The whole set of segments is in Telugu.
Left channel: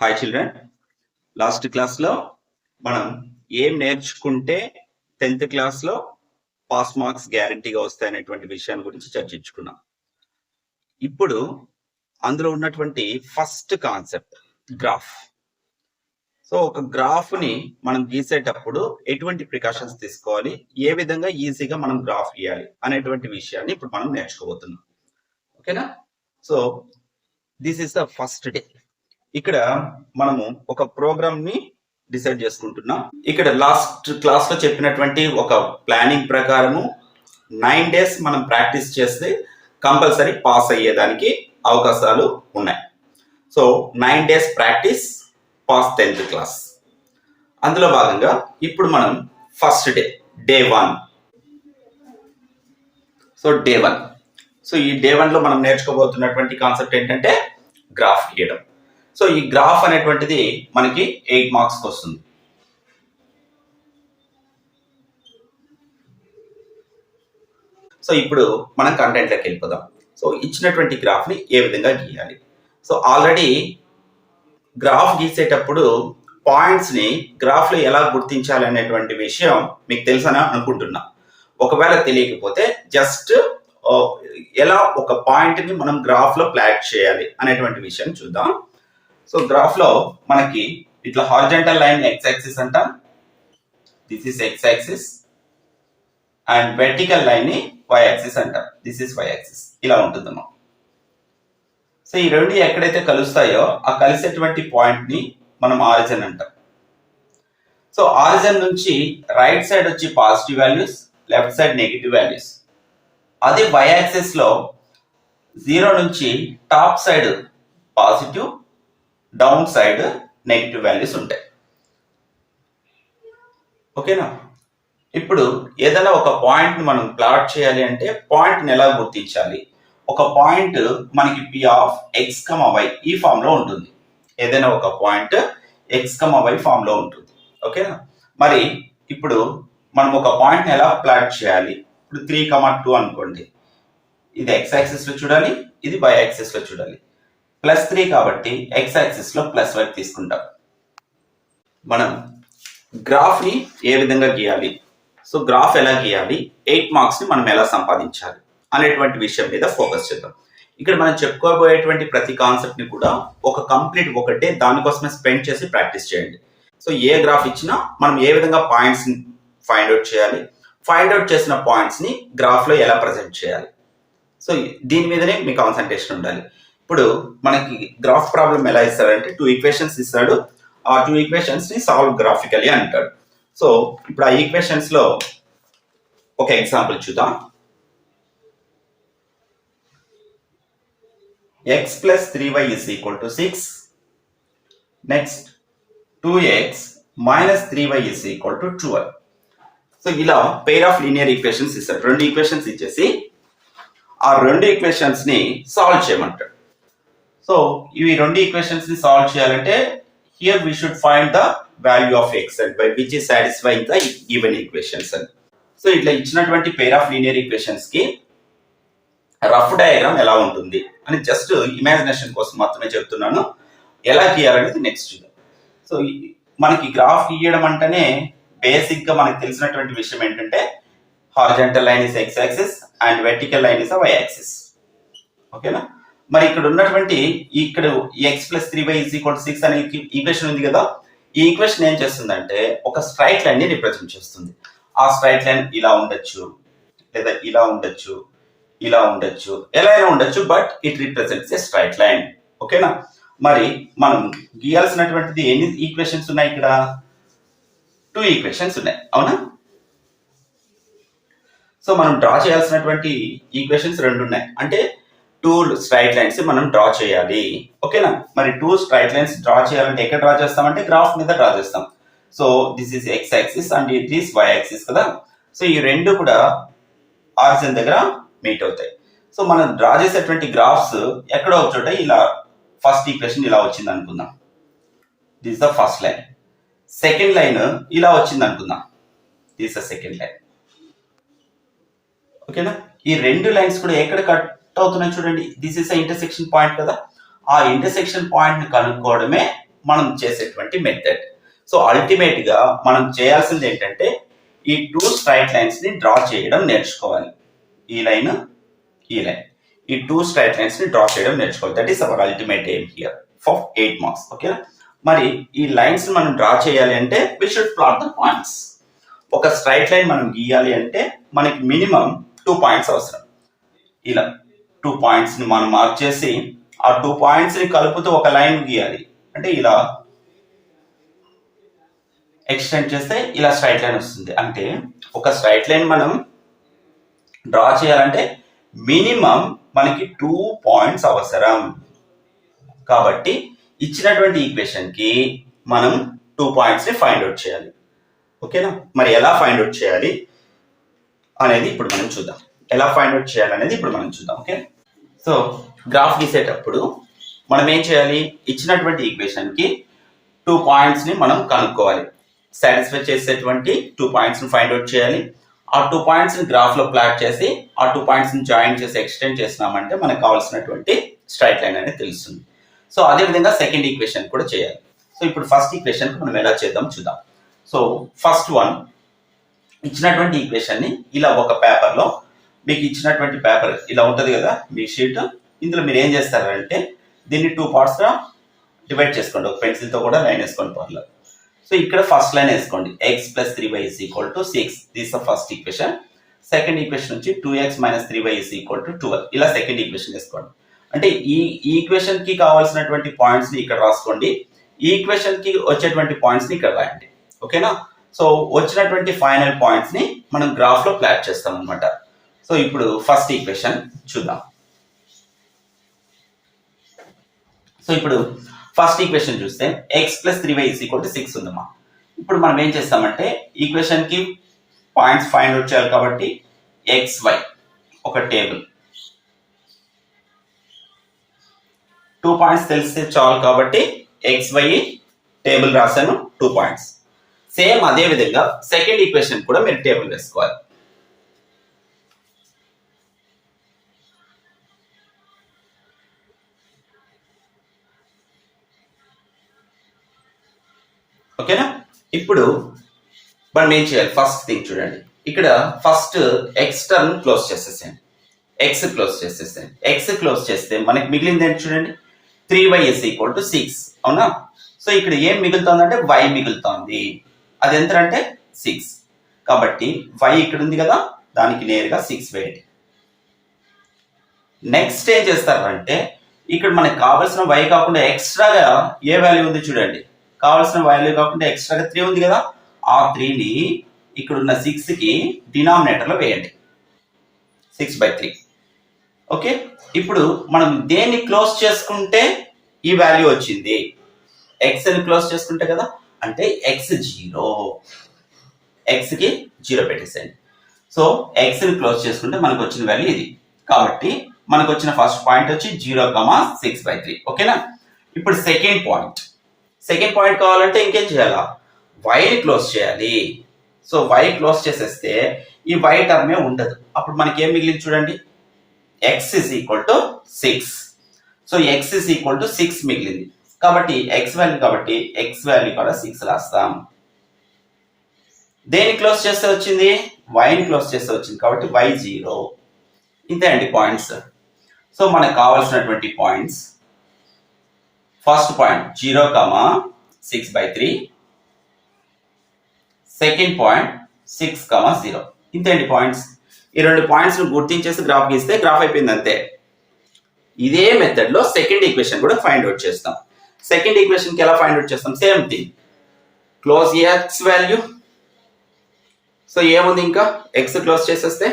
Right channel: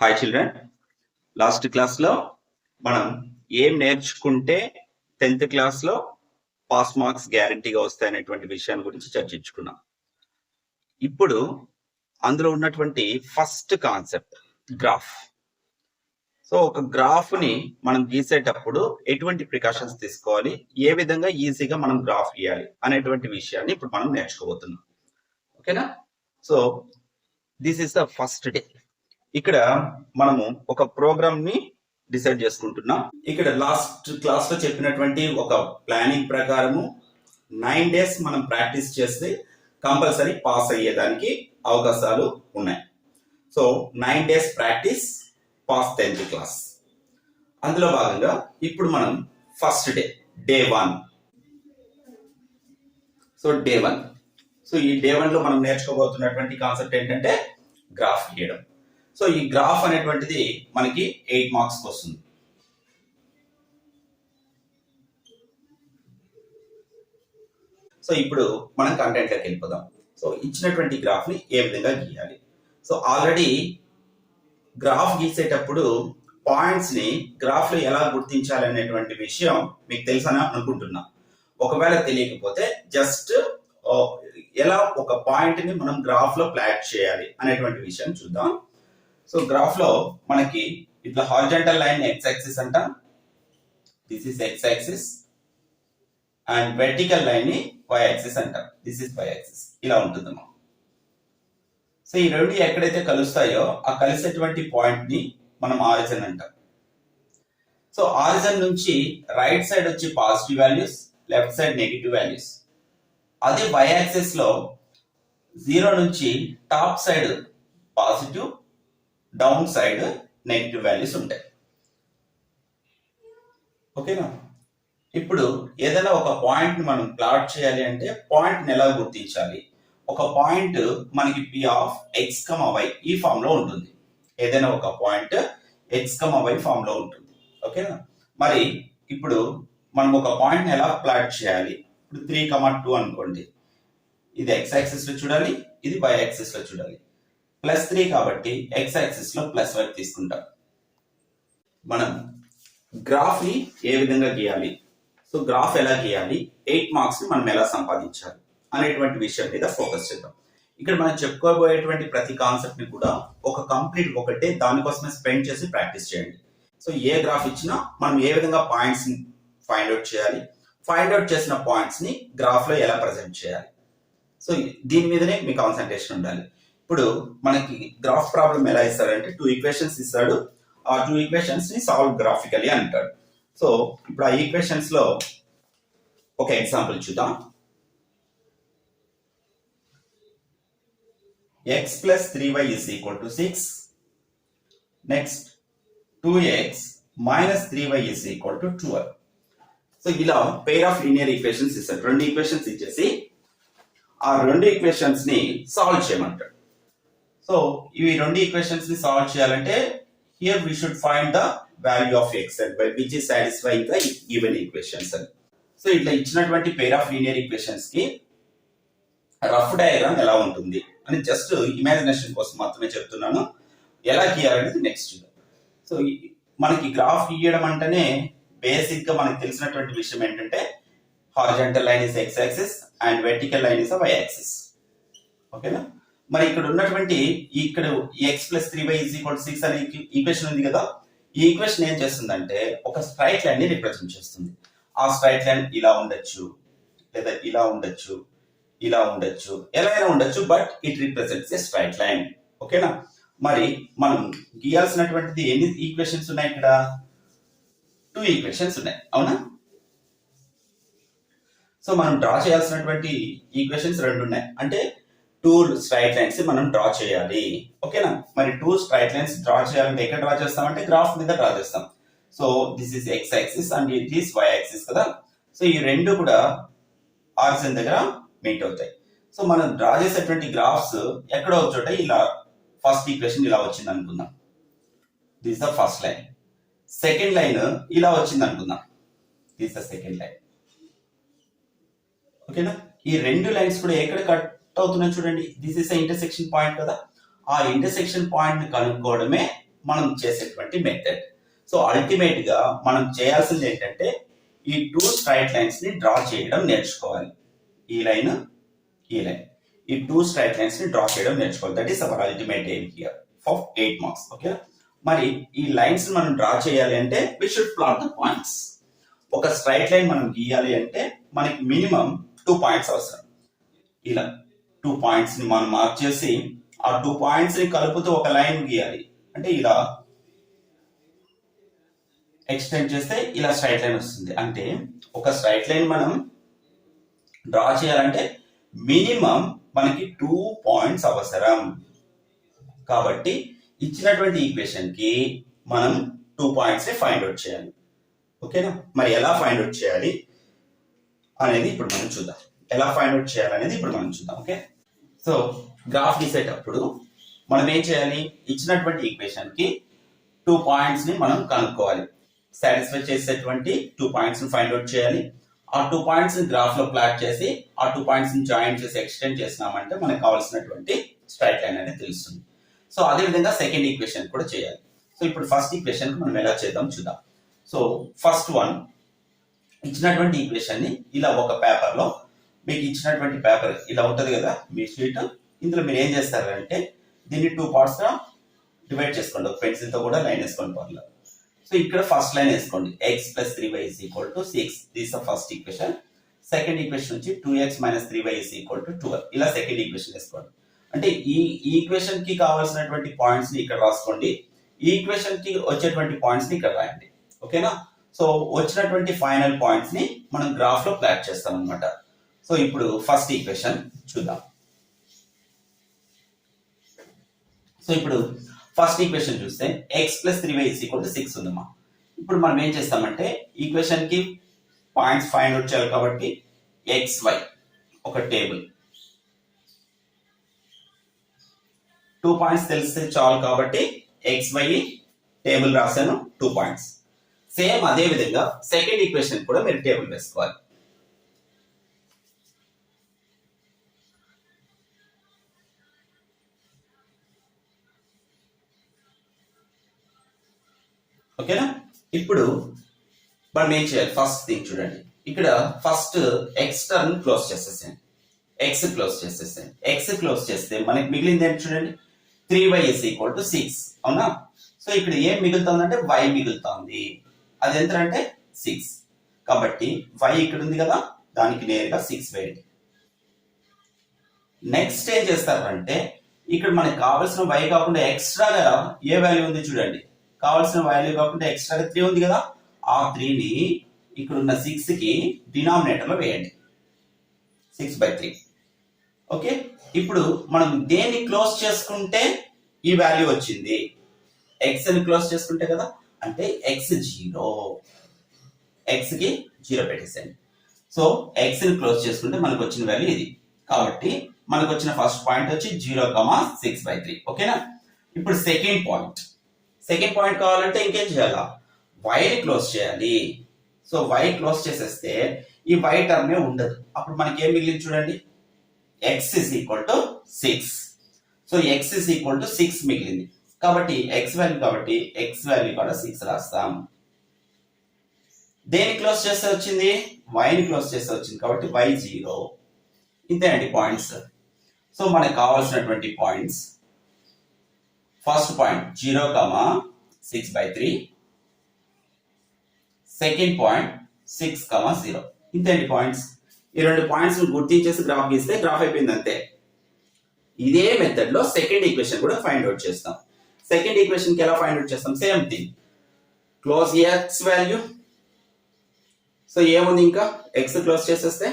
హాయ్ చిల్డ్రన్, లాస్ట్ క్లాస్లో మనం ఏం నేర్చుకుంటే 10th క్లాస్లో పాస్ మార్క్స్ గ్యారంటీగా వస్తాయనేటువంటి విషయాన్ని గురించి చర్చించుకున్నాం. ఇప్పుడు అందులో ఉన్నటువంటి ఫస్ట్ కాన్సెప్ట్ గ్రాఫ్. సో ఒక గ్రాఫ్ని మనం గీసేటప్పుడు ఎటువంటి ప్రికాషన్స్ తీసుకోవాలి, ఏ విధంగా ఈజీగా మనం గ్రాఫ్ గీయాలి అనేటువంటి విషయాన్ని ఇప్పుడు మనం నేర్చుకోబోతున్నాం. ఓకేనా? So this is the first day. ఇక్కడ మనము ఒక ప్రోగ్రామ్ ని డిసైడ్ చేసుకుంటున్నాం. ఇక్కడ లాస్ట్ క్లాస్ లో చెప్పినటువంటి ఒక ప్లానింగ్ ప్రకారము 9 days మనం ప్రాక్టీస్ చేస్తే కంపల్సరీ పాస్ అయ్యేదానికి అవకాశాలు ఉన్నాయి. So 9 days practice, pass 10th class. అందులో భాగంగా ఇప్పుడు మనం first day 1. So day 1. So ఈ డే 1 లో మనం నేర్చుకోబోతున్నటువంటి కాన్సెప్ట్ ఏంటంటే గ్రాఫ్ గీయడం. సో ఈ గ్రాఫ్ అనేటువంటిది మనకి 8 marks వస్తుంది. సో ఇప్పుడు మనం కంటెంట్లోకి వెళ్ళిపోదాం. సో ఇచ్చినటువంటి గ్రాఫ్ని ఏ విధంగా గీయాలి. సో ఆల్రెడీ గ్రాఫ్ గీసేటప్పుడు పాయింట్స్ని గ్రాఫ్లో ఎలా గుర్తించాలి అనేటువంటి విషయం మీకు తెలుసని అనుకుంటున్నా. ఒకవేళ తెలియకపోతే జస్ట్ ఎలా ఒక పాయింట్ని మనం గ్రాఫ్లో ప్లాట్ చేయాలి అనేటువంటి విషయం చూద్దాం. సో గ్రాఫ్ లో మనకి ఇట్లా హారిజంటల్ లైన్ ఎక్స్ యాక్సిస్ అంటాం, this is X axis, and vertical line ని వై యాక్సిస్ అంటాం, దిస్ ఇస్ వై యాక్సిస్. ఇలా ఉంటుందమ్మా. సో ఈ రెండు ఎక్కడైతే కలుస్తాయో ఆ కలిసేటువంటి పాయింట్ ని మనం ఆరిజిన్ అంటాం. సో ఆరిజిన్ నుంచి రైట్ సైడ్ వచ్చి positive values, left side negative values. అదే వై యాక్సిస్ లో 0 నుంచి top side positive, down side negative values ఉంటాయి. ఓకేనా? ఇప్పుడు ఏదైనా ఒక పాయింట్ మనం ప్లాట్ చేయాలి అంటే పాయింట్ని ఎలా గుర్తించాలి? ఒక పాయింట్ మనకి P of X comma Y ఈ ఫామ్ లో ఉంటుంది. ఏదైనా ఒక point X comma Y form లో ఉంటుంది. ఓకేనా? మరి ఇప్పుడు మనం ఒక పాయింట్ని ఎలా ప్లాట్ చేయాలి? ఇప్పుడు 3,2 అనుకోండి. ఇది ఎక్స్ యాక్సిస్ లో చూడాలి, ఇది వై యాక్సిస్ లో చూడాలి. +3 కాబట్టి ఎక్స్ యాక్సిస్ లో +y తీసుకుంటాం. మనం గ్రాఫ్ ని ఏ విధంగా గీయాలి, సో గ్రాఫ్ ఎలా గీయాలి, 8 marks ని మనం ఎలా సంపాదించాలి అనేటువంటి విషయం మీద ఫోకస్ చేద్దాం. ఇక్కడ మనం చెప్పుకోబోయేటువంటి ప్రతి కాన్సెప్ట్ ని కూడా ఒక కంప్లీట్ ఒకటే దానికోసమే స్పెండ్ చేసి ప్రాక్టీస్ చేయండి. సో ఏ గ్రాఫ్ ఇచ్చినా మనం ఏ విధంగా పాయింట్స్ ని ఫైండ్ అవుట్ చేయాలి, ఫైండ్ అవుట్ చేసిన పాయింట్స్ ని గ్రాఫ్ లో ఎలా ప్రజెంట్ చేయాలి, సో దీని మీదనే మీ కాన్సన్ట్రేషన్ ఉండాలి. ఇప్పుడు మనకి గ్రాఫ్ ప్రాబ్లం ఎలా ఇస్తారంటే 2 ఈక్వేషన్స్ ఇస్తాడు. ఆ 2 ఈక్వేషన్స్ ని సాల్వ్ గ్రాఫికలీ అంటాడు. సో ఇప్పుడు ఆ ఈక్వేషన్స్ లో ఒక ఎగ్జాంపుల్ చూద్దాం. x + 3y = 6. Next 2x - 3y = 12. So ఇలా పెయిర్ ఆఫ్ లీనియర్ ఈక్వేషన్స్ ఇస్తాడు. 2 ఈక్వేషన్స్ ఇచ్చేసి ఆ 2 ఈక్వేషన్స్ ని సాల్వ్ చేయమంటాడు. సో ఇవి 2 ఈక్వేషన్స్ ని సాల్వ్ చేయాలంటే here we should find the value of x and y which is satisfying the given equations అని. సో ఇట్లా ఇచ్చినటువంటి పెయిర్ ఆఫ్ లీనియర్ ఈక్వేషన్స్ కి రఫ్ డయాగ్రామ్ ఎలా ఉంటుంది అని జస్ట్ ఇమాజినేషన్ కోసం మాత్రమే చెప్తున్నాను. ఎలా గీయాలనేది నెక్స్ట్ చూద్దాం. సో మనకి గ్రాఫ్ గీయడం అంటేనే బేసిక్ గా మనకి తెలిసినటువంటి విషయం ఏంటంటే horizontal line is X axis and vertical line is Y axis. ఓకేనా? మరి ఇక్కడ ఉన్నటువంటి ఇక్కడ x + 3y = 6 అనే ఈక్వేషన్ ఉంది కదా, ఈ ఈక్వేషన్ ఏం చేస్తుందంటే ఒక స్ట్రైట్ లైన్ ని రిప్రజెంట్ చేస్తుంది. ఆ స్ట్రైట్ లైన్ ఇలా ఉండొచ్చు, లేదా ఇలా ఉండొచ్చు, ఇలా ఉండొచ్చు, ఎలా అయినా ఉండొచ్చు, but it represents a straight line. ఓకేనా? మరి మనం గీయాల్సినటువంటిది ఎన్ని ఈక్వేషన్స్ ఉన్నాయి? ఇక్కడ 2 ఈక్వేషన్స్ ఉన్నాయి, అవునా? సో మనం డ్రా చేయాల్సినటువంటి ఈక్వేషన్స్ 2 ఉన్నాయి. అంటే 2 స్ట్రైట్ లైన్స్ మనం డ్రా చేయాలి. ఓకేనా? మరి 2 స్ట్రైట్ లైన్స్ డ్రా చేయాలంటే ఎక్కడ డ్రా చేస్తామంటే గ్రాఫ్ మీద డ్రా చేస్తాం. So this is X axis and it is Y axis కదా. సో ఈ రెండు కూడా ఆరిజిన్ దగ్గర మీట్ అవుతాయి. సో మనం డ్రా చేసేటువంటి గ్రాఫ్స్ ఎక్కడో ఒక చోట ఇలా ఫస్ట్ ఈక్వేషన్ ఇలా వచ్చింది అనుకుందాం, this the first line. Second line ఇలా వచ్చింది అనుకుందాం, దిస్ ద సెకండ్ లైన్. ఓకేనా? ఈ 2 లైన్స్ కూడా ఎక్కడ కట్ అవుతున్నాయి చూడండి, దిస్ ఇస్ ఇంటర్సెక్షన్ పాయింట్ కదా. ఆ ఇంటర్సెక్షన్ పాయింట్ ని కనుక్కోవడమే మనం చేసేటువంటి మెథడ్. సో అల్టిమేట్ గా మనం చేయాల్సింది ఏంటంటే ఈ 2 స్ట్రైట్ లైన్స్ ని డ్రా చేయడం నేర్చుకోవాలి. ఈ లైన్ ఈ 2 స్ట్రైట్ లైన్స్ ని డ్రా చేయడం నేర్చుకోవాలి. That is our ultimate aim here for 8 marks. ఓకేనా? మరి ఈ లైన్స్ మనం డ్రా చేయాలి అంటే we should plot the points. ఒక స్ట్రైట్ లైన్ మనం గీయాలి అంటే మనకి మినిమం 2 పాయింట్స్ అవసరం. ఇలా 2 పాయింట్స్ ని మనం మార్క్ చేసి ఆ 2 పాయింట్స్ ని కలుపుతూ ఒక లైన్ గీయాలి. అంటే ఇలా ఎక్స్టెండ్ చేస్తే ఇలా స్ట్రైట్ లైన్ వస్తుంది. అంటే ఒక స్ట్రైట్ లైన్ మనం డ్రా చేయాలంటే మినిమం మనకి 2 పాయింట్స్ అవసరం. కాబట్టి ఇచ్చినటువంటి ఈక్వేషన్ కి మనం 2 పాయింట్స్ ని ఫైండ్ అవుట్ చేయాలి. ఓకేనా? మరి ఎలా ఫైండ్ అవుట్ చేయాలి అనేది ఇప్పుడు మనం చూద్దాం. ఓకే? సో గ్రాఫ్ గీసేటప్పుడు మనం ఏం చేయాలి? ఇచ్చినటువంటి ఈక్వేషన్ కి 2 పాయింట్స్ ని మనం కనుక్కోవాలి. సాటిస్ఫై చేసేటువంటి 2 పాయింట్స్ ని ఫైండ్ అవుట్ చేయాలి. ఆ 2 పాయింట్స్ ని గ్రాఫ్ లో ప్లాట్ చేసి ఆ 2 పాయింట్స్ ని జాయిన్ చేసి ఎక్స్టెండ్ చేసినామంటే మనకు కావాల్సినటువంటి స్ట్రైట్ లైన్ అనేది తెలుస్తుంది. సో అదే విధంగా సెకండ్ ఈక్వేషన్ కూడా చేయాలి. సో ఇప్పుడు ఫస్ట్ ఈక్వేషన్ మనం ఎలా చేద్దాం చూద్దాం. సో ఫస్ట్ వన్, ఇచ్చినటువంటి ఈక్వేషన్ ని ఇలా ఒక పేపర్ లో, మీకు ఇచ్చినటువంటి పేపర్ ఇలా ఉంటది కదా మీ షీట్, ఇందులో మీరు ఏం చేస్తారంటే దీన్ని 2 పార్ట్స్ గా డివైడ్ చేసుకోండి. ఒక పెన్సిల్ తో కూడా లైన్ వేసుకోండి పర్లేదు. సో ఇక్కడ ఫస్ట్ లైన్ వేసుకోండి. x + 3y = 6. This the first equation. Second equation నుంచి 2x - 3y = 12. ఇలా సెకండ్ ఈక్వేషన్ వేసుకోండి. అంటే ఈ ఈక్వేషన్ కి కావాల్సినటువంటి పాయింట్స్ ని ఇక్కడ రాసుకోండి. ఈ ఈక్వేషన్ కి వచ్చేటువంటి పాయింట్స్ ని ఇక్కడ రాయండి. ఓకేనా? సో వచ్చినటువంటి ఫైనల్ పాయింట్స్ ని మనం గ్రాఫ్ లో ప్లాట్ చేస్తాం అన్నమాట. సో ఇప్పుడు ఫస్ట్ ఈక్వేషన్ చూద్దాం. సో ఇప్పుడు ఫస్ట్ ఈక్వేషన్ చూస్తే x + 3y = 6 ఉందమ్మా. ఇప్పుడు మనం ఏం చేస్తామంటే ఈక్వేషన్ కి పాయింట్స్ ఫైండ్ అవుట్ చేయాలి కాబట్టి xy ఒక టేబుల్, 2 పాయింట్స్ తెలిస్తే చాలు కాబట్టి xy టేబుల్ రాశాను 2 పాయింట్స్. సేమ్ అదే విధంగా సెకండ్ ఈక్వేషన్ కూడా మీరు టేబుల్ వేసుకోవాలి. ఓకేనా? ఇప్పుడు మనం ఏం చేయాలి? ఫస్ట్ థింగ్ చూడండి, ఇక్కడ ఫస్ట్ ఎక్స్ టర్మ్ క్లోజ్ చేసేసేయండి. ఎక్స్ క్లోజ్ చేస్తే మనకి మిగిలింది ఏంటి చూడండి, 3y = 6. అవునా? సో ఇక్కడ ఏం మిగులుతుందంటే y మిగులుతోంది. అది ఎంత అంటే 6. కాబట్టి y ఇక్కడ ఉంది కదా, దానికి నేరుగా 6 వేయండి. నెక్స్ట్ ఏం చేస్తారంటే ఇక్కడ మనకి కావాల్సిన y కాకుండా ఎక్స్ట్రాగా ఏ వాల్యూ ఉంది చూడండి, కావాల్సిన వాల్యూ కాకుండా ఎక్స్ట్రాగా 3 ఉంది కదా, ఆ 3ని ఇక్కడ ఉన్న 6 కి డినామినేటర్ లో వేయండి. 6/3. ఓకే? ఇప్పుడు మనం దేన్ని క్లోజ్ చేసుకుంటే ఈ వాల్యూ వచ్చింది, x ని క్లోజ్ చేసుకుంటే కదా, అంటే x 0, x కి 0 పెట్టేసేయండి. సో x ని క్లోజ్ చేసుకుంటే మనకు వచ్చిన వాల్యూ ఇది. కాబట్టి మనకు వచ్చిన ఫస్ట్ పాయింట్ వచ్చి 0,6/3. ఓకేనా? ఇప్పుడు సెకండ్ పాయింట్ కావాలంటే ఇంకేం చేయాలా, y ని క్లోజ్ చేయాలి. సో y క్లోజ్ చేసేస్తే ఈ y టర్మే ఉండదు. అప్పుడు మనకి ఏం మిగిలింది చూడండి, x = 6. సో x = 6 మిగిలింది. కాబట్టి x వాల్యూ కూడా 6 రాస్తాం. దేని క్లోజ్ చేస్తే వచ్చింది, y ని క్లోజ్ చేస్తే వచ్చింది. కాబట్టి y 0. ఇంతే అండి పాయింట్స్. సో మనకు కావాల్సినటువంటి points, first point 0,6/3, second point 6,0. ఇంతే అండి పాయింట్స్. ఈ 2 పాయింట్స్ గుర్తించేసి గ్రాఫ్ గీస్తే గ్రాఫ్ అయిపోయింది అంతే. ఇదే మెథడ్ లో సెకండ్ ఈక్వేషన్ కూడా ఫైండ్ అవుట్ చేస్తాం. సెకండ్ ఈక్వేషన్ కి ఎలా ఫైండ్ అవుట్ చేస్తాం, same thing, close x value. So ఏముంది, ఇంకా x క్లోజ్ చేసేస్తే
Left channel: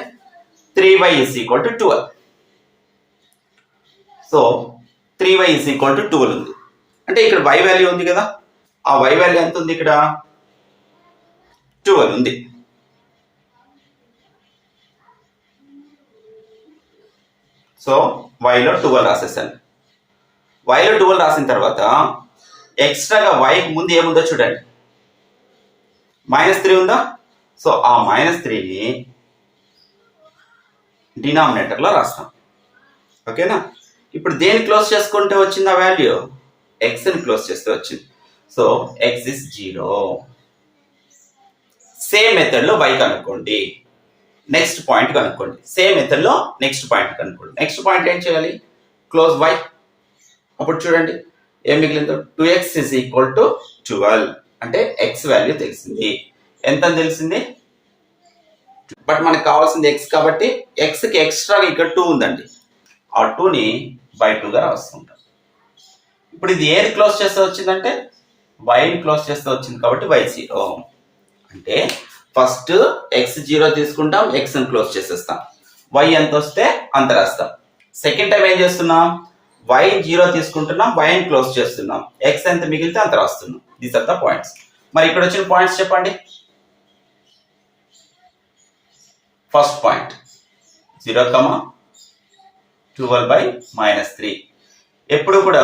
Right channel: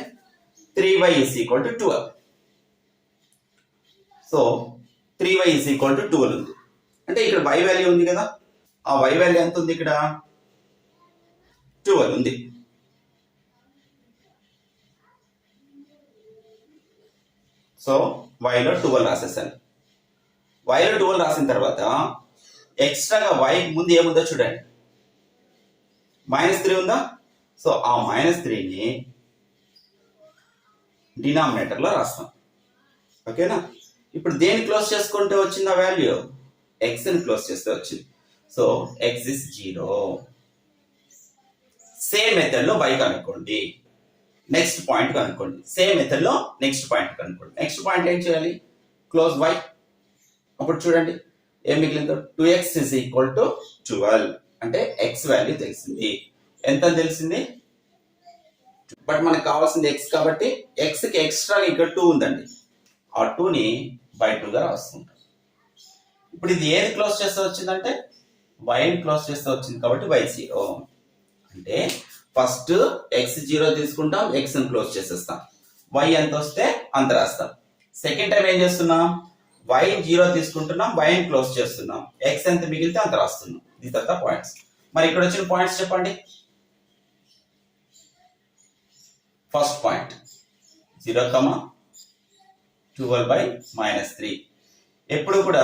3y = 12. సో 3y = 12 ఉంది. అంటే ఇక్కడ y వాల్యూ ఉంది కదా, ఆ y వాల్యూ ఎంత ఉంది, ఇక్కడ 12 ఉంది. సో y లో 12 రాసేసాను. y లో 12 రాసిన తర్వాత ఎక్స్ట్రాగా y ముందు ఏముందో చూడండి, -3 ఉందా. సో ఆ -3ని డినామినేటర్ లో రాస్తాం. ఓకేనా? ఇప్పుడు దేని క్లోజ్ చేసుకుంటే వచ్చింది ఆ వాల్యూ, x ని క్లోజ్ చేస్తే వచ్చింది. So x is 0. సేమ్ మెథడ్లో y కనుక్కోండి. నెక్స్ట్ పాయింట్ కనుక్కోండి. సేమ్ మెథడ్లో నెక్స్ట్ పాయింట్ కనుక్కోండి. నెక్స్ట్ పాయింట్ ఏం చేయాలి? Close y. అప్పుడు చూడండి ఏం మిగిలిందో 2x is equal to 12. అంటే x వాల్యూ తెలిసింది. ఎంత తెలిసింది? బట్ మనకు కావాల్సింది x కాబట్టి xకి ఎక్స్ట్రా ఇక్కడ 2 ఉందండి. ఆ 2ని బై 2గా రాస్తుంటాం. ఇప్పుడు ఇది ఏది క్లోజ్ చేస్తే వచ్చిందంటే వైని క్లోజ్ చేస్తే వచ్చింది కాబట్టి y0. అంటే ఫస్ట్ x0 తీసుకుంటాం, xని క్లోజ్ చేసేస్తాం. y ఎంత వస్తే అంత రాస్తాం. సెకండ్ టైం ఏం చేస్తున్నాం? y0 తీసుకుంటున్నాం, yని క్లోజ్ చేస్తున్నాం, x ఎంత మిగిలితే అంత రాస్తున్నాం. These are the points. మరి ఇక్కడ వచ్చిన పాయింట్స్ చెప్పండి. First point 0,12/-3. ఎప్పుడు కూడా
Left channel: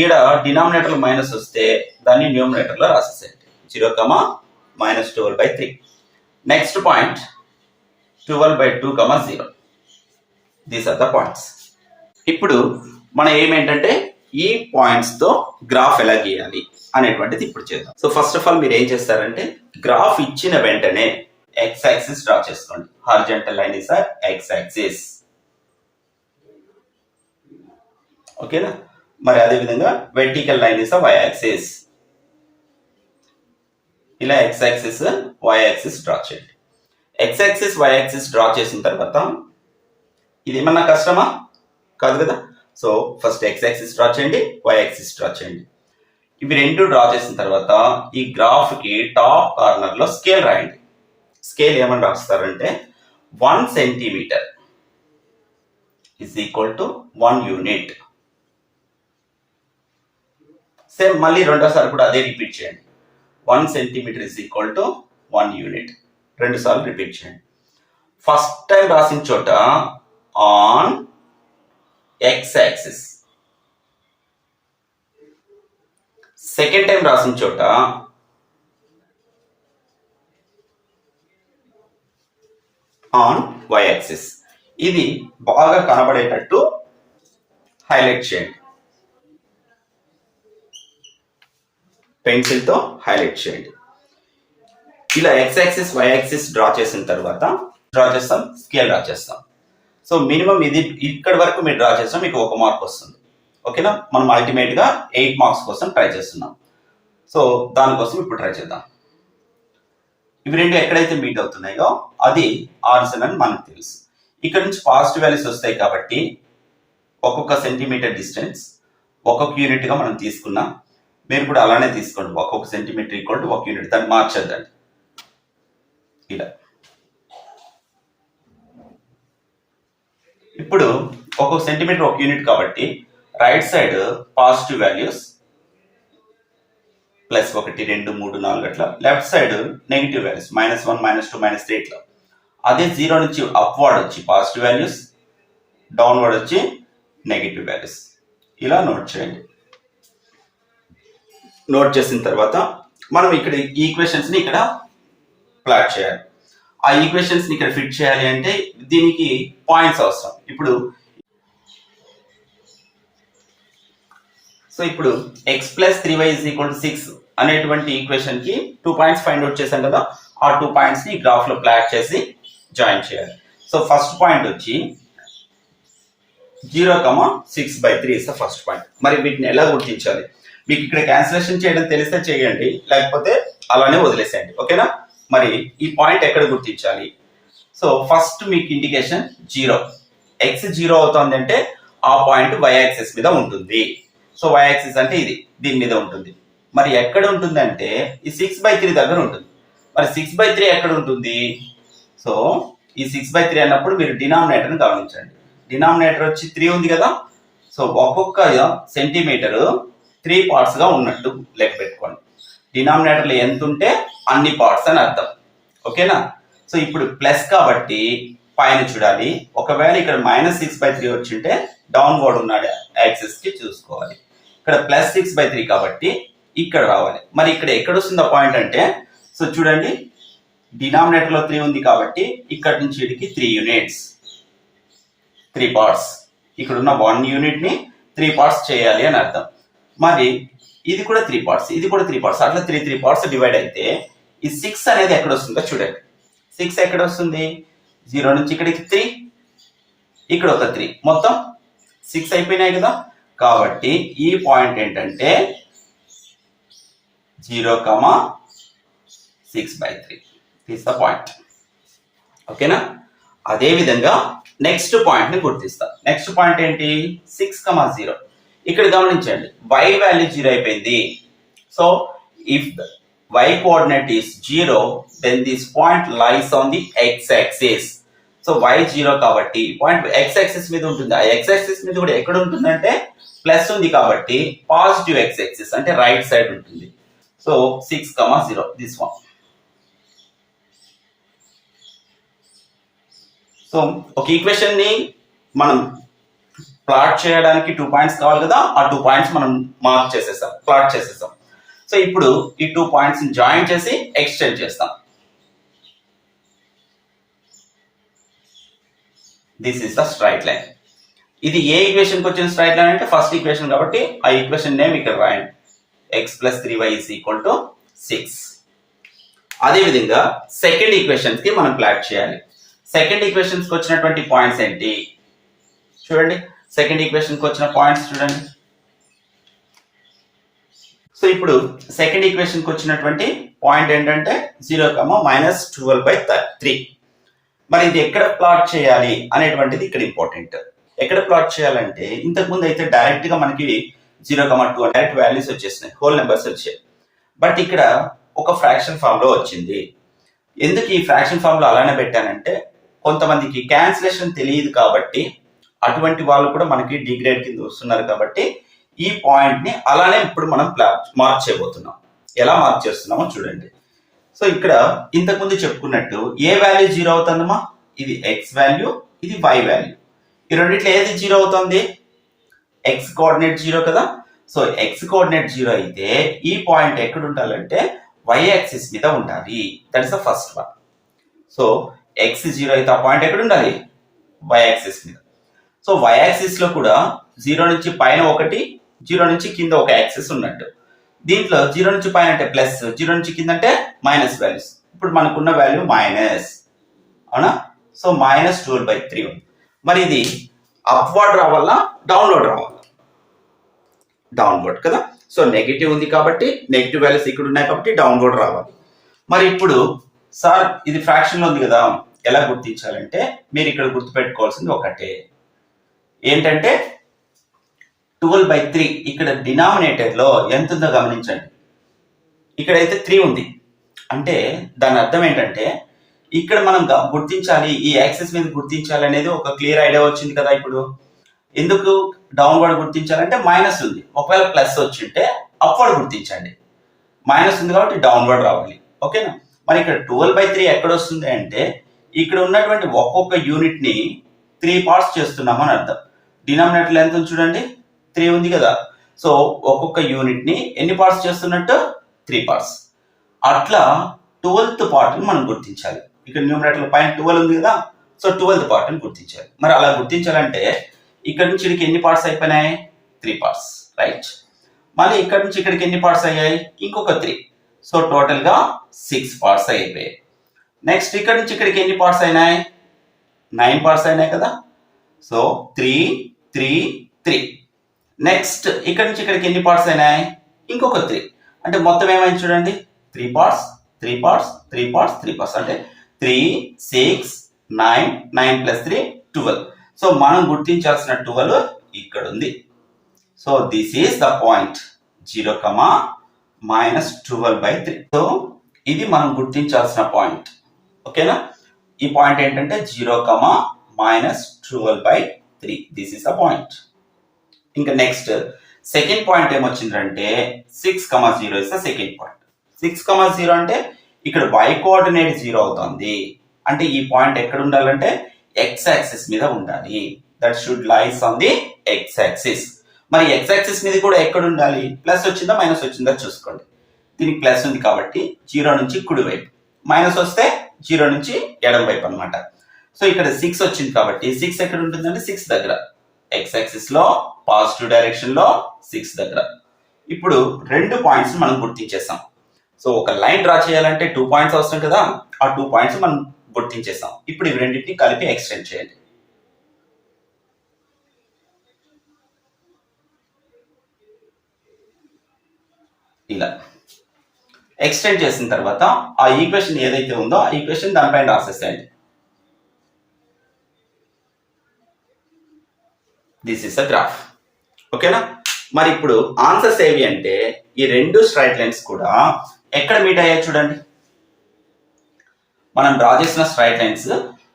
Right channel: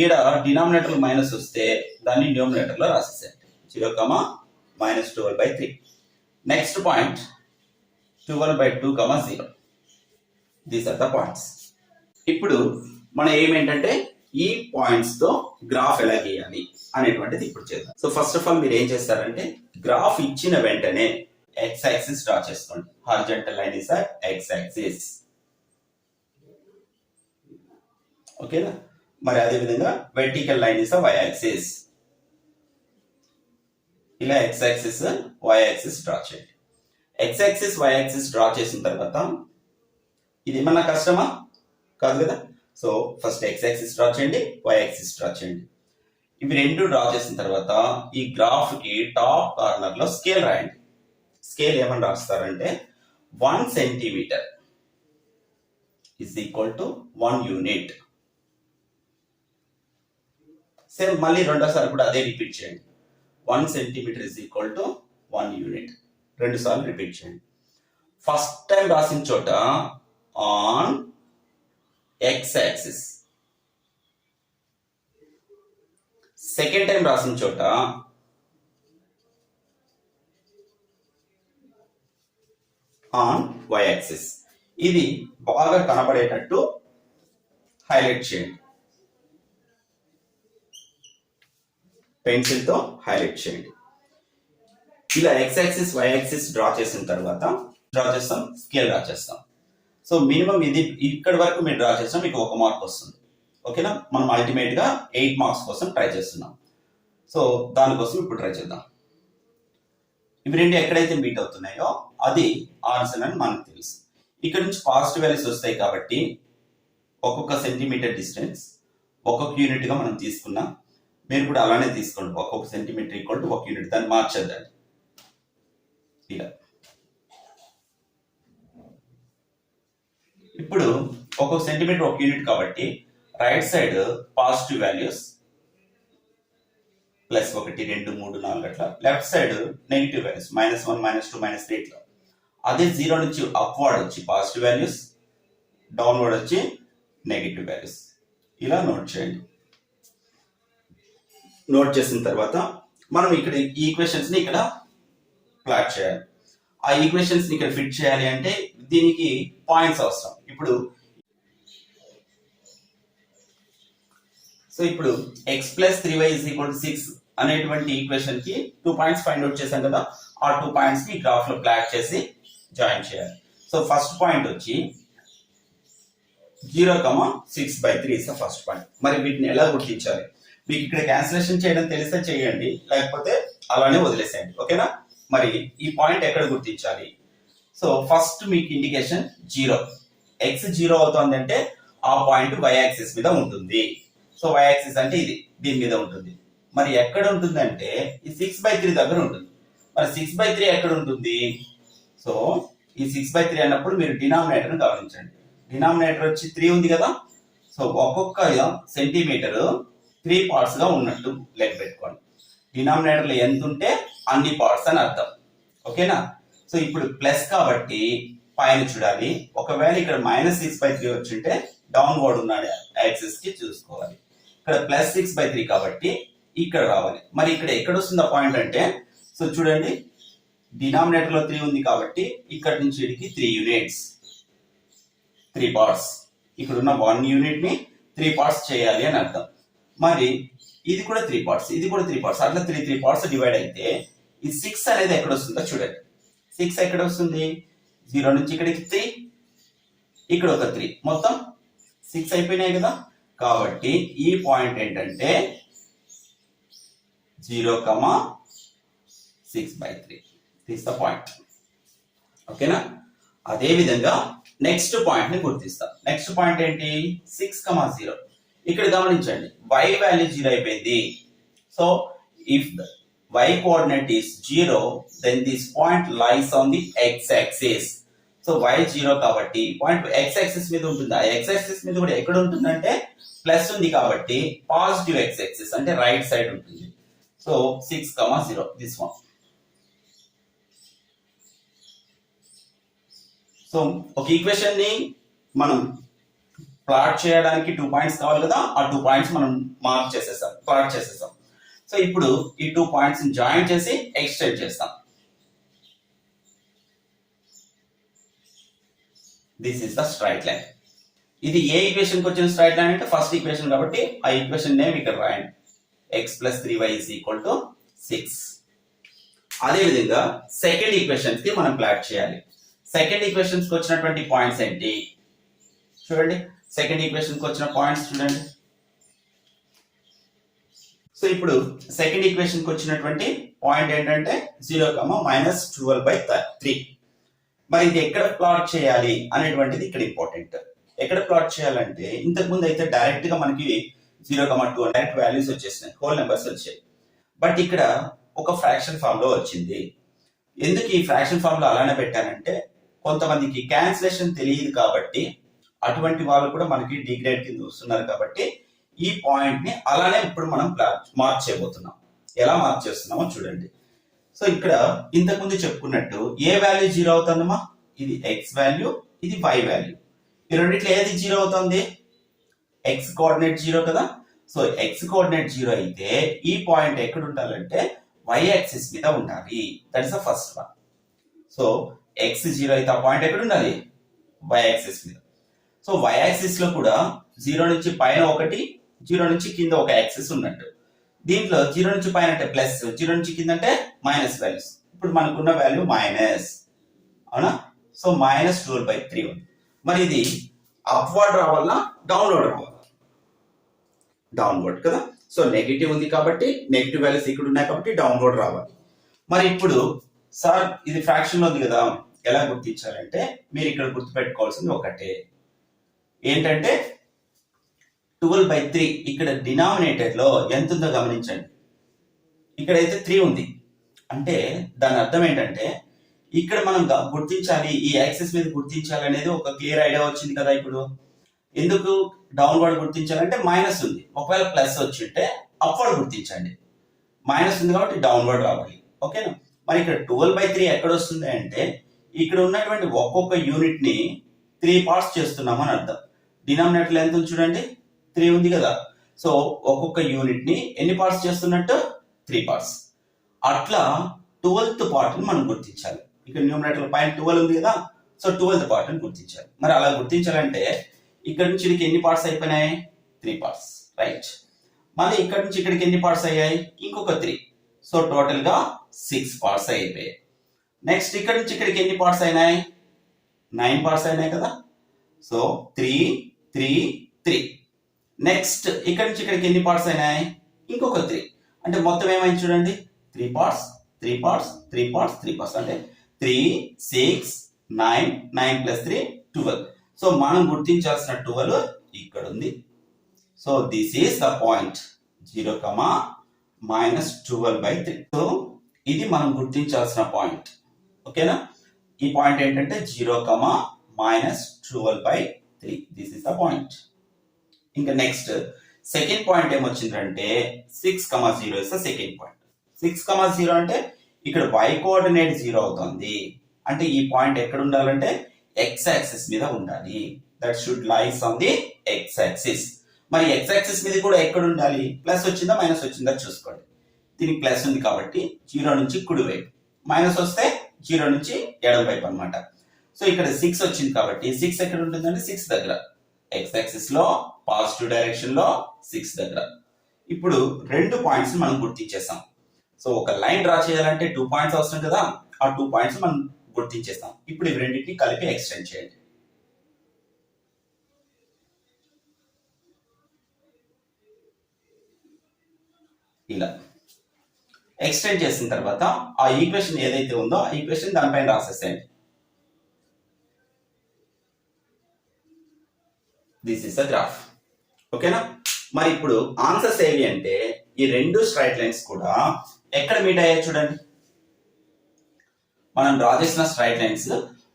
ఈడ డినామినేటర్ మైనస్ వస్తే దాన్ని న్యూమినేటర్లో రాసేసేయండి. 0,-12/3. Next point 12/2,0. These are the points. ఇప్పుడు మన ఏమేంటంటే ఈ పాయింట్స్తో గ్రాఫ్ ఎలా గీయాలి అనేటువంటిది ఇప్పుడు చేద్దాం. సో ఫస్ట్ ఆఫ్ ఆల్ మీరు ఏం చేస్తారంటే గ్రాఫ్ ఇచ్చిన వెంటనే x యాక్సిస్ డ్రా చేసుకోండి. Horizontal line is x axis. ఓకేనా? మరి అదే విధంగా vertical line is y axis. ఇలా x axis y axis draw చేయండి. x axis y axis draw చేసిన తర్వాత ఇది ఏమన్నా కష్టమా? కాదు కదా. So first x axis draw చేయండి, y యాక్సిస్ డ్రా చేయండి. ఇవి రెండు డ్రా చేసిన తర్వాత ఈ గ్రాఫ్ కి టాప్ కార్నర్ లో స్కేల్ రాయండి. స్కేల్ ఏమని రాస్తారంటే 1 centimetre is equal to 1 unit. Same మళ్ళీ రెండోసారి కూడా అదే రిపీట్ చేయండి. 1 centimetre is equal to 1 unit. 2 సార్లు రిపీట్ చేయండి. ఫస్ట్ టైం రాసిన చోట on x axis, second time రాసిన చోట ఆన్ y యాక్సిస్. ఇది బాగా కనబడేటట్టు హైలైట్ చేయండి. పెన్సిల్తో హైలైట్ చేయండి. ఇలా x axis y axis draw చేసిన తర్వాత స్కేల్ డ్రా చేస్తాం. సో మినిమం ఇది ఇక్కడ వరకు మీరు డ్రా చేస్తాం, మీకు 1 మార్క్ వస్తుంది. ఓకేనా? మనం అల్టిమేట్గా 8 మార్క్స్ కోసం ట్రై చేస్తున్నాం. సో దానికోసం ఇప్పుడు ట్రై చేద్దాం. ఇవి రెండు ఎక్కడైతే మీట్ అవుతున్నాయో అది ఆరిజిన్ అని మనకు తెలుసు. ఇక్కడ నుంచి పాజిటివ్ వాల్యూస్ వస్తాయి కాబట్టి ఒక్కొక్క సెంటీమీటర్ డిస్టెన్స్ ఒక్కొక్క యూనిట్గా మనం తీసుకున్నాం. మీరు కూడా అలానే తీసుకోండి. ఒక్కొక్క సెంటీమీటర్ ఈక్వల్ టు 1 యూనిట్. దాన్ని మార్చేద్దండి ఇలా. ఇప్పుడు ఒక్కొక్క సెంటీమీటర్ 1 యూనిట్ కాబట్టి రైట్ సైడ్ పాజిటివ్ వాల్యూస్ +1, 2, 3, 4 అట్లా. లెఫ్ట్ సైడ్ నెగిటివ్ వాల్యూస్ -1, -2, -3 ఇట్లా. అదే 0 నుంచి అప్వర్డ్ వచ్చి పాజిటివ్ వాల్యూస్, డౌన్వర్డ్ వచ్చి నెగిటివ్ వాల్యూస్. ఇలా నోట్ చేయండి. నోట్ చేసిన తర్వాత మనం ఇక్కడ ఈక్వేషన్స్ ని ఇక్కడ ప్లాట్ చేయాలి. ఆ ఈక్వేషన్స్ ని ఇక్కడ ఫిట్ చేయాలి అంటే దీనికి పాయింట్స్ అవసరం. ఇప్పుడు x + 3y = 6 అనేటువంటి ఈక్వేషన్ కి 2 పాయింట్స్ ఫైండ్ అవుట్ చేశాం కదా. ఆ 2 పాయింట్స్ ని గ్రాఫ్ లో ప్లాట్ చేసి జాయిన్ చేయాలి. సో ఫస్ట్ పాయింట్ వచ్చి 0,6/3 ఇస్ ద ఫస్ట్ పాయింట్. మరి వీటిని ఎలా గుర్తించాలి? మీకు ఇక్కడ క్యాన్సిలేషన్ చేయడం తెలిస్తే చేయండి, లేకపోతే అలానే వదిలేసేయండి. ఓకేనా? మరి ఈ పాయింట్ ఎక్కడ గుర్తించాలి? సో ఫస్ట్ మీకు ఇండికేషన్ 0. x 0 అవుతుంది అంటే ఆ పాయింట్ y యాక్సిస్ మీద ఉంటుంది. సో y యాక్సిస్ అంటే ఇది, దీని మీద ఉంటుంది. మరి ఎక్కడ ఉంటుంది అంటే ఈ 6/3 దగ్గర ఉంటుంది. మరి 6/3 ఎక్కడ ఉంటుంది? సో ఈ 6/3 అన్నప్పుడు మీరు డినామినేటర్ని గమనించండి. డినామినేటర్ వచ్చి 3 ఉంది కదా. సో ఒక్కొక్క సెంటీమీటర్ 3 పార్ట్స్ గా ఉన్నట్టు లెక్క పెట్టుకోండి. డినామినేటర్లో ఎంత ఉంటే అన్ని పార్ట్స్ అని అర్థం. ఓకేనా? సో ఇప్పుడు ప్లస్ కాబట్టి పైన చూడాలి. ఒకవేళ ఇక్కడ -6/3 వచ్చింటే డౌన్వర్డ్ ఉన్న యాక్సిస్ కి చూసుకోవాలి. ఇక్కడ +6/3 కాబట్టి ఇక్కడ రావాలి. మరి ఇక్కడ ఎక్కడ వస్తుంది పాయింట్ అంటే, సో చూడండి డినామినేటర్ లో 3 ఉంది కాబట్టి ఇక్కడ నుంచి ఇక్కడికి 3 యూనిట్స్, 3 పార్ట్స్. ఇక్కడ ఉన్న 1 యూనిట్ ని 3 పార్ట్స్ చేయాలి అని అర్థం. మరి ఇది కూడా 3 పార్ట్స్, ఇది కూడా 3 పార్ట్స్, అట్లా 3 పార్ట్స్ డివైడ్ అయితే ఈ 6 అనేది ఎక్కడ వస్తుందో చూడండి. 6 ఎక్కడ వస్తుంది? 0 నుంచి ఇక్కడికి 3, ఇక్కడ ఒక 3, మొత్తం 6 అయిపోయినాయి కదా. కాబట్టి ఈ పాయింట్ ఏంటంటే 0,6/3. This the point. ఓకేనా? అదే విధంగా నెక్స్ట్ పాయింట్ ని గుర్తిస్తాం. నెక్స్ట్ పాయింట్ ఏంటి? 6,0. ఇక్కడ గమనించండి, y వాల్యూ 0 అయిపోయింది. So if the y coordinate is 0, then this point lies on the x axis. So y 0 కాబట్టి పాయింట్ x axis మీద ఉంటుంది. ఆ x axis మీద కూడా ఎక్కడ ఉంటుందంటే ప్లస్ ఉంది కాబట్టి పాజిటివ్ x axis అంటే రైట్ సైడ్ ఉంటుంది. So 6,0 this one. సో ఒక ఈక్వేషన్ ని మనం ప్లాట్ చేయడానికి 2 పాయింట్స్ కావాలి కదా. ఆ 2 పాయింట్స్ మనం మార్క్ చేసేసాం, ప్లాట్ చేసేసాం. సో ఇప్పుడు ఈ 2 పాయింట్స్ ని జాయిన్ చేసి ఎక్స్టెండ్ చేస్తాం. This is the straight line. ఇది ఏ ఈక్వేషన్ కి వచ్చిన స్ట్రైట్ లైన్ అంటే ఫస్ట్ ఈక్వేషన్ కాబట్టి ఆ ఈక్వేషన్ నేమ్ ఇక్కడ రాయండి. x + 3y = 6. అదే విధంగా సెకండ్ ఈక్వేషన్ కి మనం ప్లాట్ చేయాలి. సెకండ్ ఈక్వేషన్స్ కి వచ్చినటువంటి పాయింట్స్ ఏంటి చూడండి. సెకండ్ ఈక్వేషన్ కి వచ్చిన పాయింట్స్ చూడండి. సో ఇప్పుడు సెకండ్ ఈక్వేషన్ కి వచ్చినటువంటి పాయింట్ ఏంటంటే 0,-12/3. మరి ఇది ఎక్కడ ప్లాట్ చేయాలి అనేటువంటిది ఇక్కడ ఇంపార్టెంట్. ఎక్కడ ప్లాట్ చేయాలంటే ఇంతకు ముందు అయితే డైరెక్ట్ గా మనకి 0,2 డైరెక్ట్ వాల్యూస్ వచ్చేసినాయి, హోల్ నెంబర్స్ వచ్చాయి. బట్ ఇక్కడ ఒక ఫ్రాక్షన్ ఫామ్ లో వచ్చింది. ఎందుకు ఈ ఫ్రాక్షన్ ఫామ్ లో అలానే పెట్టానంటే కొంతమందికి క్యాన్సిలేషన్ తెలియదు కాబట్టి, అటువంటి వాళ్ళు కూడా మనకి డిగ్రేడ్ కింద వస్తున్నారు కాబట్టి ఈ పాయింట్ ని అలానే ఇప్పుడు మనం మార్క్ చేయబోతున్నాం. ఎలా మార్క్ చేస్తున్నామో చూడండి. సో ఇక్కడ ఇంతకు ముందు చెప్పుకున్నట్టు ఏ వాల్యూ 0 అవుతుందమ్మా? ఇది x వాల్యూ, ఇది y వాల్యూ. ఈ రెండిట్లో ఏది 0 అవుతుంది? x కోఆర్డినేట్ 0 కదా. సో x కోఆర్డినేట్ 0 అయితే ఈ పాయింట్ ఎక్కడ ఉండాలంటే y యాక్సిస్ మీద ఉండాలి. That is the first one. So x 0 అయితే ఆ పాయింట్ ఎక్కడ ఉండాలి? y యాక్సిస్ మీద. సో y యాక్సిస్ లో కూడా 0 నుంచి పైన ఒకటి, 0 నుంచి కింద ఒక యాక్సిస్ ఉన్నట్టు. దీంట్లో 0 నుంచి పైన అంటే ప్లస్, 0 నుంచి కింద అంటే మైనస్ వాల్యూస్. ఇప్పుడు మనకున్న వాల్యూ మైనస్, అవునా? సో -12/3 ఉంది. మరి ఇది అప్వర్డ్ రావాలా, డౌన్వర్డ్ రావాలా? డౌన్వర్డ్ కదా. సో నెగిటివ్ ఉంది కాబట్టి నెగిటివ్ వాల్యూస్ ఇక్కడ ఉన్నాయి కాబట్టి డౌన్వర్డ్ రావాలి. మరి ఇప్పుడు సార్ ఇది ఫ్రాక్షన్ లో ఉంది కదా, ఎలా గుర్తించాలంటే మీరు ఇక్కడ గుర్తుపెట్టుకోవాల్సింది ఒకటే, ఏంటంటే 12/3 ఇక్కడ డినామినేటర్ లో ఎంత ఉందో గమనించండి. ఇక్కడైతే 3 ఉంది అంటే దాని అర్థం ఏంటంటే ఇక్కడ మనం గుర్తించాలి, ఈ యాక్సిస్ మీద గుర్తించాలి అనేది ఒక క్లియర్ ఐడియా వచ్చింది కదా. ఇప్పుడు ఎందుకు డౌన్వర్డ్ గుర్తించాలంటే మైనస్ ఉంది, ఒకవేళ ప్లస్ వచ్చింటే అప్వర్డ్ గుర్తించండి. మైనస్ ఉంది కాబట్టి డౌన్వర్డ్ రావాలి. ఓకేనా? మరి ఇక్కడ 12/3 ఎక్కడ వస్తుంది అంటే ఇక్కడ ఉన్నటువంటి ఒక్కొక్క యూనిట్ ని 3 పార్ట్స్ చేస్తున్నామని అర్థం. డినామినేటర్ ఎంత ఉంది చూడండి, 3 ఉంది కదా. సో ఒక్కొక్క యూనిట్ ని ఎన్ని పార్ట్స్ చేస్తున్నట్టు? 3 పార్ట్స్. అట్లా 12th పార్ట్ ని మనం గుర్తించాలి. ఇక్కడ న్యూమరేటర్ పైన 12 ఉంది కదా, సో 12th పార్ట్ ని గుర్తించాలి. మరి అలా గుర్తించాలంటే ఇక్కడ నుంచి ఇక్కడికి ఎన్ని పార్ట్స్ అయిపోయినాయి? 3 పార్ట్స్, రైట్. మళ్ళీ ఇక్కడ నుంచి ఇక్కడికి ఎన్ని పార్ట్స్ అయ్యాయి? ఇంకొక 3. సో టోటల్ గా 6 పార్ట్స్ అయిపోయాయి. నెక్స్ట్ ఇక్కడ నుంచి ఇక్కడికి ఎన్ని పార్ట్స్ అయినాయి? 9 పార్ట్స్ అయినాయి కదా. సో 3 3 3. నెక్స్ట్ ఇక్కడ నుంచి ఇక్కడికి ఎన్ని పార్ట్స్ అయినాయి? ఇంకొక 3. అంటే మొత్తం ఏమైంది చూడండి, 3 పార్ట్స్ 3 పార్ట్స్ 3 పార్ట్స్ 3 పార్ట్స్ అంటే 3 6 9 9 + 3 12. సో మనం గుర్తించాల్సిన 12 ఇక్కడ ఉంది. So this is the point 0,-12/3. So ఇది మనం గుర్తించాల్సిన పాయింట్. ఓకేనా? ఈ పాయింట్ ఏంటంటే 0,-12/3. This is the point. ఇంకా నెక్స్ట్ సెకండ్ పాయింట్ ఏమొచ్చిందంటే 6,0 ఇస్ ద సెకండ్ పాయింట్. 6,0 అంటే ఇక్కడ y కోఆర్డినేట్ 0 అవుతుంది. అంటే ఈ పాయింట్ ఎక్కడ ఉండాలంటే x యాక్సిస్ మీద ఉండాలి. That should lies on the x axis. మరి x యాక్సిస్ మీద కూడా ఎక్కడ ఉండాలి? ప్లస్ వచ్చిందా మైనస్ వచ్చిందా చూసుకోండి. దీనికి ప్లస్ ఉంది కాబట్టి 0 నుంచి కుడివైపు, మైనస్ వస్తే 0 నుంచి ఎడమ వైపు అన్నమాట. సో ఇక్కడ 6 వచ్చింది కాబట్టి 6 ఎక్కడ ఉంటుందంటే 6 దగ్గర, x యాక్సిస్ లో పాజిటివ్ డైరెక్షన్ లో 6 దగ్గర. ఇప్పుడు 2 పాయింట్స్ మనం గుర్తించేసాం. సో ఒక లైన్ డ్రా చేయాలంటే 2 పాయింట్స్ అవసరం కదా, ఆ 2 పాయింట్స్ మనం గుర్తించేసాం. ఇప్పుడు ఇవి రెండింటిని కలిపి ఎక్స్టెండ్ చేయండి. ఇలా ఎక్స్టెండ్ చేసిన తర్వాత ఆ ఈక్వేషన్ ఏదైతే ఉందో ఆ ఈక్వేషన్ దానిపైన రాసేసేయండి. This is the graph. ఓకేనా? మరి ఇప్పుడు ఆన్సర్స్ ఏవి అంటే ఈ రెండు స్ట్రైట్ లైన్స్ కూడా ఎక్కడ మీట్ అయ్యాయి చూడండి. మనం డ్రా చేసిన స్ట్రైట్ లైన్స్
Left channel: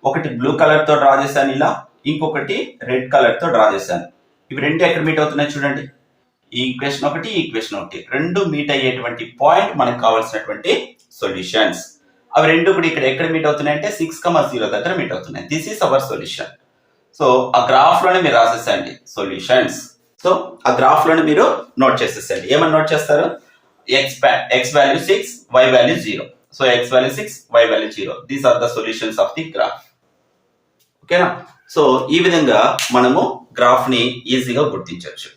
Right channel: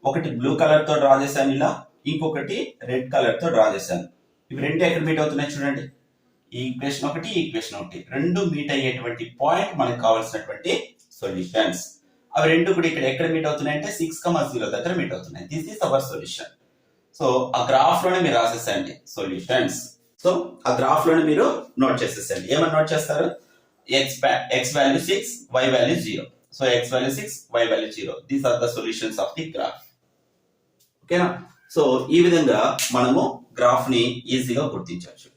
ఒకటి బ్లూ కలర్ తో డ్రా చేశాను ఇలా, ఇంకొకటి రెడ్ కలర్ తో డ్రా చేశాను. ఇవి రెండు ఎక్కడ మీట్ అవుతున్నాయి చూడండి. ఈ ఈక్వేషన్ ఒకటి, ఈక్వేషన్ ఒకటి, రెండు మీట్ అయ్యేటువంటి పాయింట్ మనకు కావాల్సినటువంటి సొల్యూషన్స్. అవి రెండు కూడా ఇక్కడ ఎక్కడ మీట్ అవుతున్నాయి అంటే 6,0 దగ్గర మీట్ అవుతున్నాయి. This is our solution. So ఆ గ్రాఫ్ లోనే మీరు రాసేసండి సొల్యూషన్స్. సో ఆ గ్రాఫ్ లోనే మీరు నోట్ చేసేసండి. ఏమని నోట్ చేస్తారు? x value 6, y value 0. So x value 6, y value 0. These are the solutions of the graph. ఓకేనా? సో ఈ విధంగా మనము గ్రాఫ్ ని ఈజీగా గుర్తించవచ్చు.